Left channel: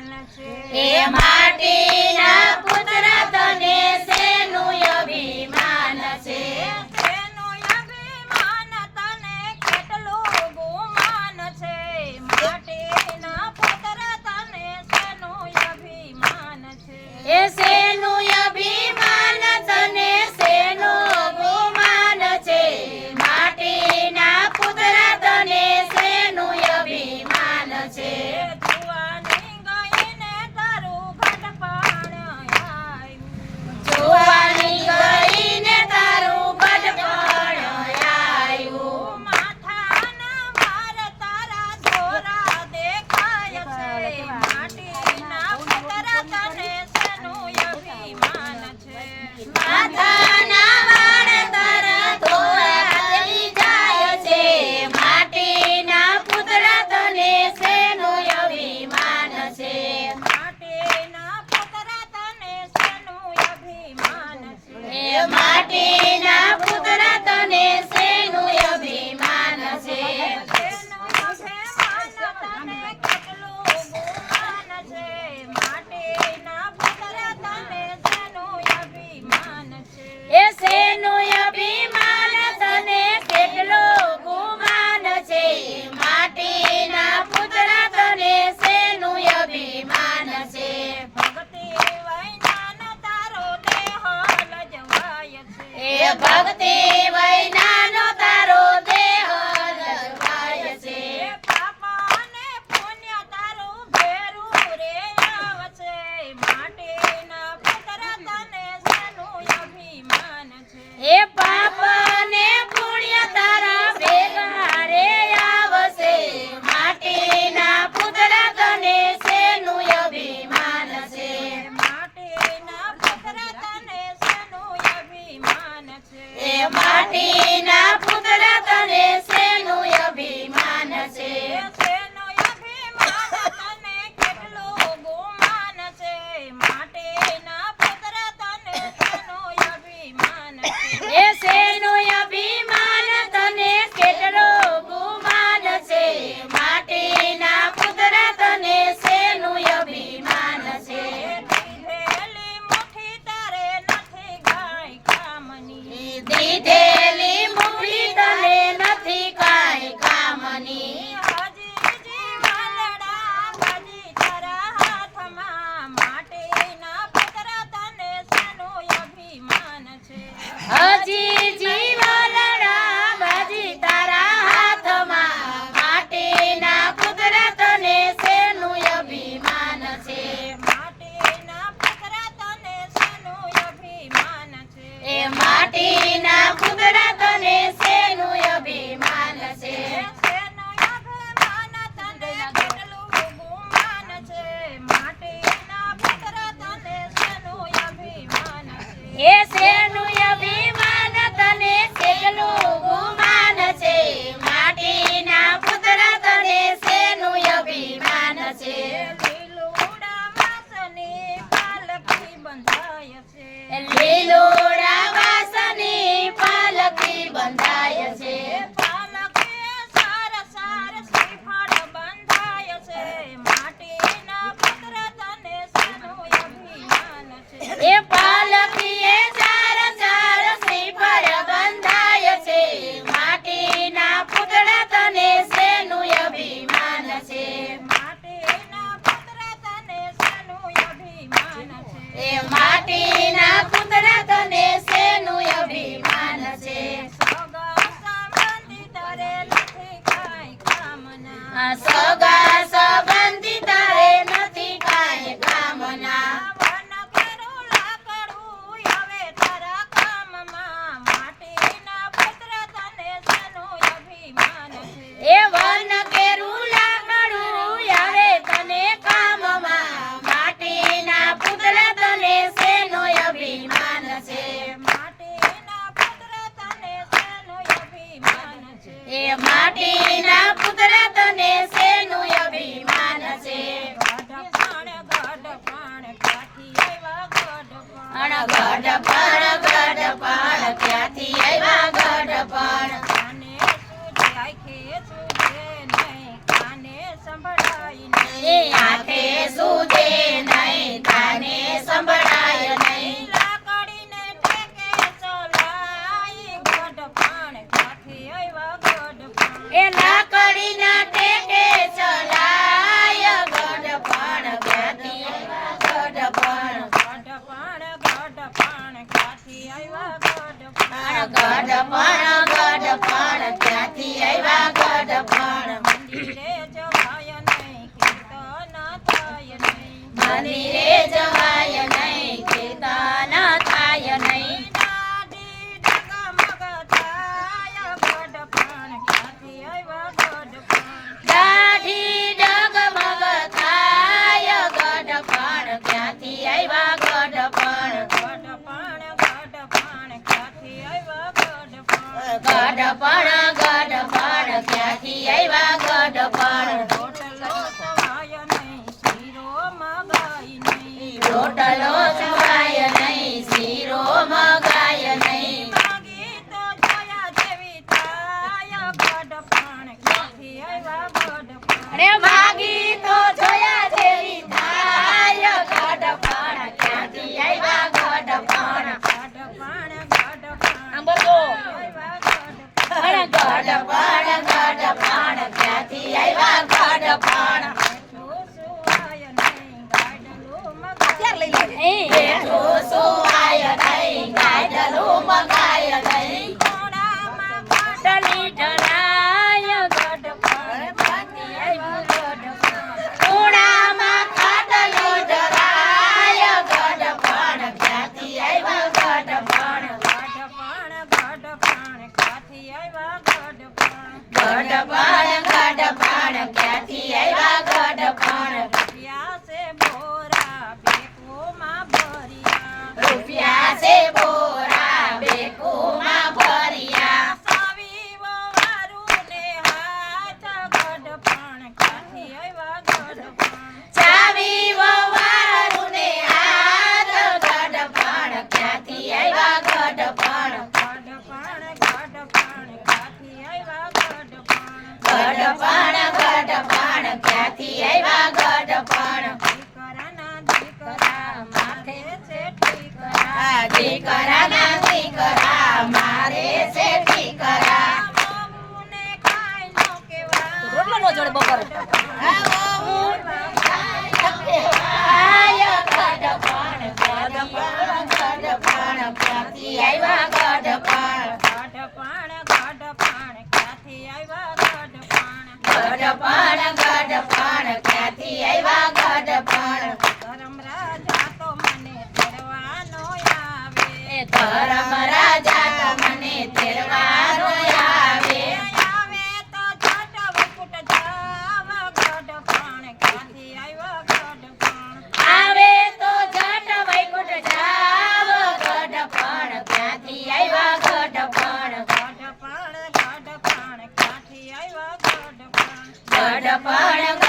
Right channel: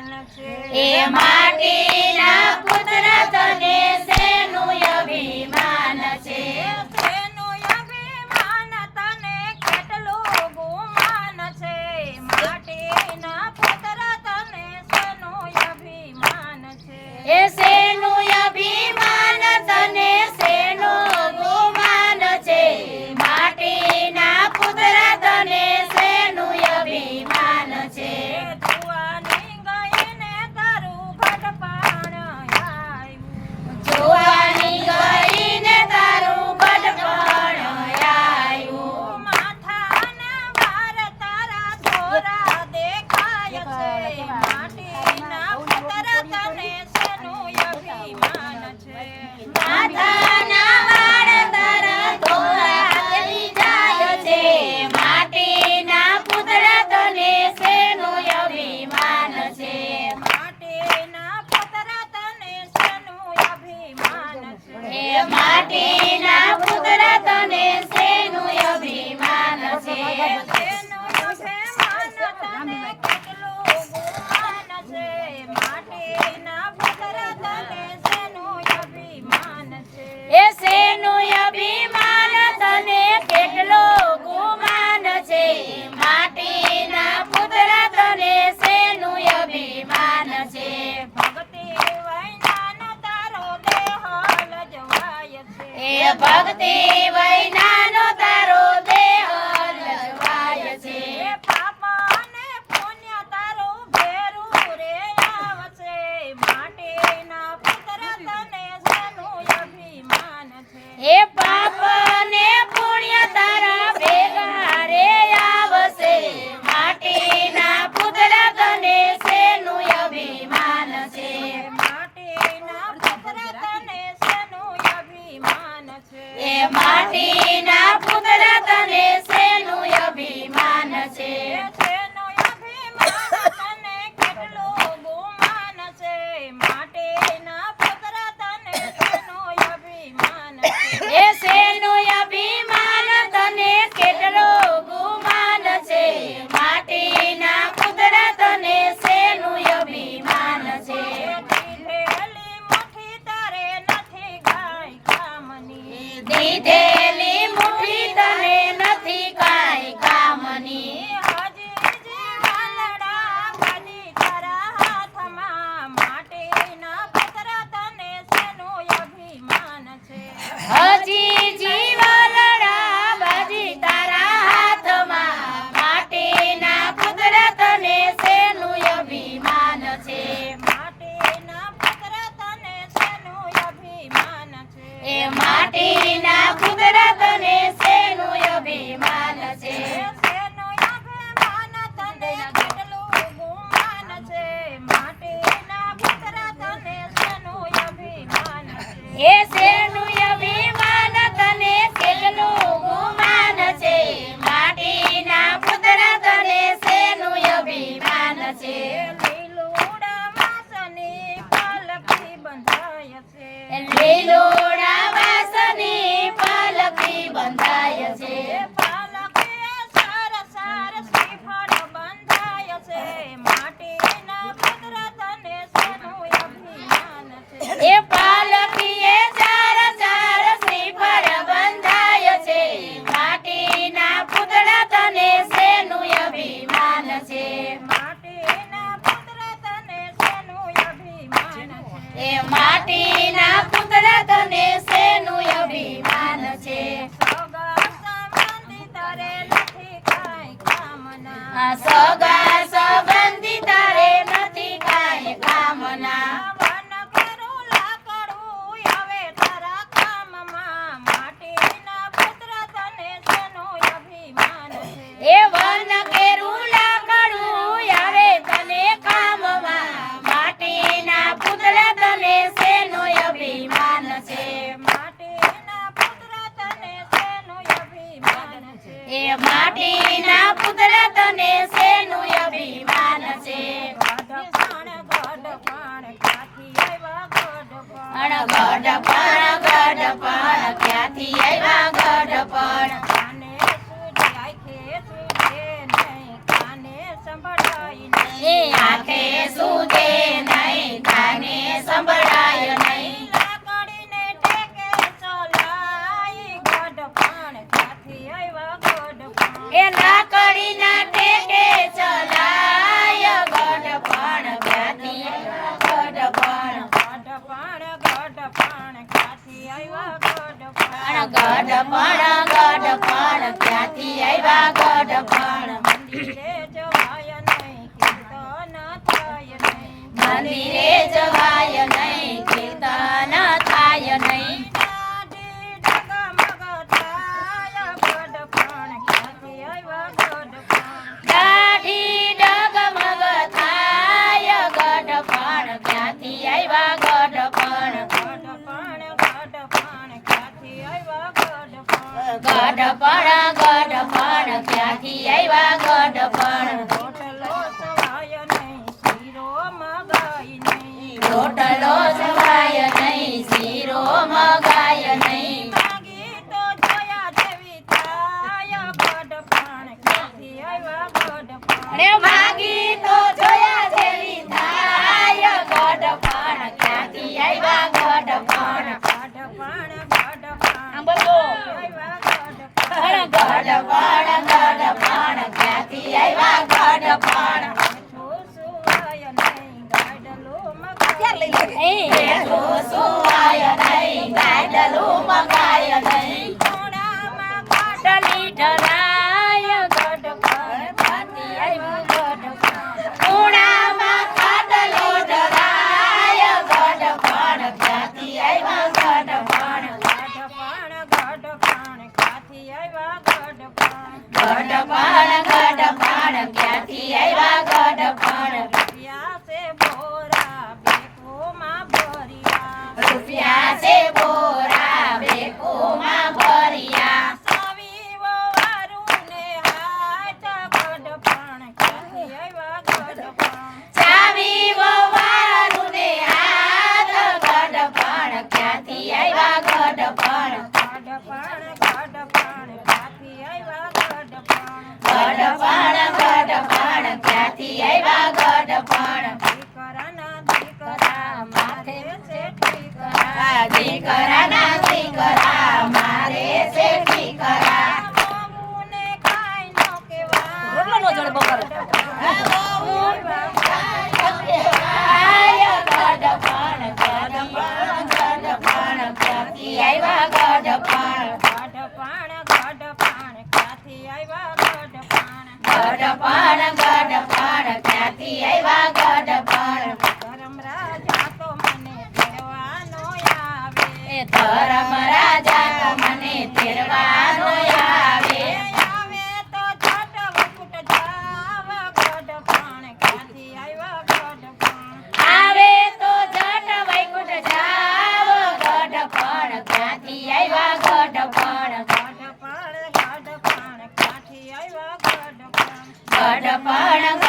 અભિમાન છે એ માટીના પુત્ર તને શેનું અભિમાન છે શેનું અભિમાન તને કેટલું ગુમાન છે માટીના પુત્ર તને શેનું અભિમાન છે એ શેનું અભિમાન તને શેનો ગુમાન છે માટીના પુત્ર તને શેનું અભિમાન છે જુવાની ગઈને તારું ઘટપણ આવ્યું જોવાની ગઈને તારું ગઢપણ આવ્યું માથાના ભાર તારા ધોરા દેખાય છે માટીના પુત્ર તને શેનું અભિમાન છે માથાના વાળ તારા ધોળા થઈ જાય છે માટીના પુત્ર તને શેનું અભિમાન છે માટીના પુત્ર તને શેનું અભિમાન છે એ માટીના પુત્ર તને શેનું અભિમાન છે શેનું અભિમાન તને કેટલું ગુમાન છે માટીના પુત્ર તને શેનું અભિમાન છે એ શેનું અભિમાન તને કેટલો ગુમાન છે માટીના પુત્ર તને શેનું અભિમાન છે ભક્તિ વૈનાનો તારો દેહ લજવાય છે એ ભક્તિ વૈનાનો તારો દેહ લજવાય છે પાપ અને પુણ્ય તારું ભેરું રે આવશે માટીના પુત્ર તને શેનું અભિમાન છે એ પાપ ને પુણ્ય તારા ભેગા રે આવશે માટીના પુત્ર તને શેનું અભિમાન છે માટીના પુત્ર તને શેનું અભિમાન છે એ માટીના પુત્ર તને શેનું અભિમાન છે શેનું અભિમાન તને કેટલું ગુમાન છે માટીના પુત્ર તને શેનું અભિમાન છે એ શેનું અભિમાન તને કેટલો ગુમાન છે માટીના પુત્ર તને શેનું અભિમાન છે દીધેલી મુઠ્ઠી તારે નથી ગાય કામની દીધેલી મુઠ્ઠી તને નથી કાંઈ કામની હજી જીવાલડા બાજી તારા હાથમાં માટીના પુત્ર તને શેનું અભિમાન છે હજી જીવલડા બાજી તારા હાથમાં માટીના પુત્ર તને શેનું અભિમાન છે માટીના પુત્ર તને શેનું અભિમાન છે એ માટીના પુત્ર તને શેનું અભિમાન છે શેનું અભિમાન તને કેટલું ગુમાન છે માટીના પુત્ર તને શેનું અભિમાન છે એ શેનું અભિમાન તને કેટલું ગુમાન છે માટીના પુત્ર તને શેનું અભિમાન છે લીલુડા વાસની પાલકી બંધાય છે લીલોડા વાસની પાલકી બંધાય છે પાલકી સાર સાર શ્રીફળ બંધાય છે માટીના પુત્ર તને શેનું અભિમાન છે એ પાલકીએ ચાર ચાર શ્રીફળ બંધાય છે માટીના પુત્ર તને શેનું અભિમાન છે માટીના પુત્ર તને શેનું અભિમાન છે એ માટીના પુત્ર તને શેનું અભિમાન છે સગા સંબંધી તારે નથી કાંઈ કામના આ સગા સંબંધી તારે નથી કાંઈ કામના વન કેરું લાકડું આવે તારા કામમાં માટીના પુત્ર તને શેનું અભિમાન છે એ વન કેરું લાકડું આવે તને કામમાં માટીના પુત્ર તને શેનો અભિમાન છે માટીના પુત્ર તને શેનું અભિમાન છે એ માટીના પુત્ર તને શેનું અભિમાન છે ગઢપણ ક્યાંથી આવ્યા ગઢપણ ગઢપણ ક્યાંથી આવ્યા ગઢપણ કાને સૂજે આંખે સૂજે નહીં કાને સંભળાય નહીં એ આંખે સૂજે ગઢપણ ગઢપણ ક્યાંથી આવ્યા ગઢપણ મંદિરે જવાય નહીં કીર્તન થાય નહીં મંદિરે જવાય નહીં કીર્તન થાય નહીં દાઢી ડગમગ થાય ગઢપણ ક્યાંથી આવ્યા ગઢપણ દાઢી ડગમગ થાય ગઢપણ ક્યાંથી આવ્યા ગઢપણ ગઢપણ ગઢપણ ક્યાંથી આવ્યા ગઢપણ ગઢપણ ગઢપણ ક્યાંથી આવ્યા ગઢપણ રોટલો સવાય નહીં શીરો મગાય નહીં રોટલો સુવાય નહીં શીરો મગાય નહીં માગી તો જોયા જેવી થાય ગઢપણ ક્યાંથી આવ્યા ગઢપણ અરે માગી તો જોયા જેવી થાય ગઢપણ ક્યાંથી આવ્યા ગઢપણ ગઢપણ ગઢપણ આમ બોલો. આવ્યા ગઢપણ ગઢપણ ગઢપણ ક્યાંથી આવ્યા ગઢપણ બેઠું સુવાય નહીં ગાડલું મગાય બેઠું સુવાય નહીં ગાડલું મગાય નહીં ખોડામાં ખાટલી ઢળાય ગઢપણ ક્યાંથી આવ્યા ગઢપણ ખૂણામાં ખાટલી ઢળાય ગઢપણ ક્યાંથી આવ્યા ગઢપણ ગઢપણ ગઢપણ ક્યાંથી આવ્યા ગઢપણ ગઢપણ ગઢપણ ક્યાંથી આવ્યા ગઢપણ રૂપિયા છે બોરા બેકોમાં ભર્યા રૂપિયા છે બોરા બેકુમાં ભર્યા સાવી વવારું ને હાથ ગઢપણ ક્યાંથી આવ્યા ગઢપણ ચાવી વવારું ને હાથ ગઢપણ ક્યાંથી આવ્યા ગઢપણ ગઢપણ ગઢપણ ક્યાંથી આવ્યા ગઢપણ ગઢપણ ગઢપણ ક્યાંથી આવ્યા ગઢપણ દીકરાના દીકરા માથે છે ઠીકરા દીકરાના દીકરા મારે છે દીકરા મોંને કાંઈ નો કહેવાય રોટલાનો જળ બપોરે. આય ગઢપણ ગઢપણ ગઢપણ ક્યાંથી આવ્યા ગઢપણ ગઢપણ ગઢપણ ક્યાંથી આવ્યા ગઢપણ ગઢપણ ગઢપણ ક્યાંથી આવ્યા ગઢપણ ધર્મ રાજા તો મને તેડવાનો આવે ધર્મ રાજા તો મને તેડવાનો આવે આવે તો જટ વૈકુંઠ જાવ ગઢપણ ક્યાંથી આવ્યા ગઢપણ આવે તો જટ વૈકુંઠ જાવ ગઢપણ ક્યાંથી આવ્યા ગઢપણ ગઢપણ ગઢપણ ક્યાંથી આવ્યા ગઢપણ ગઢપણ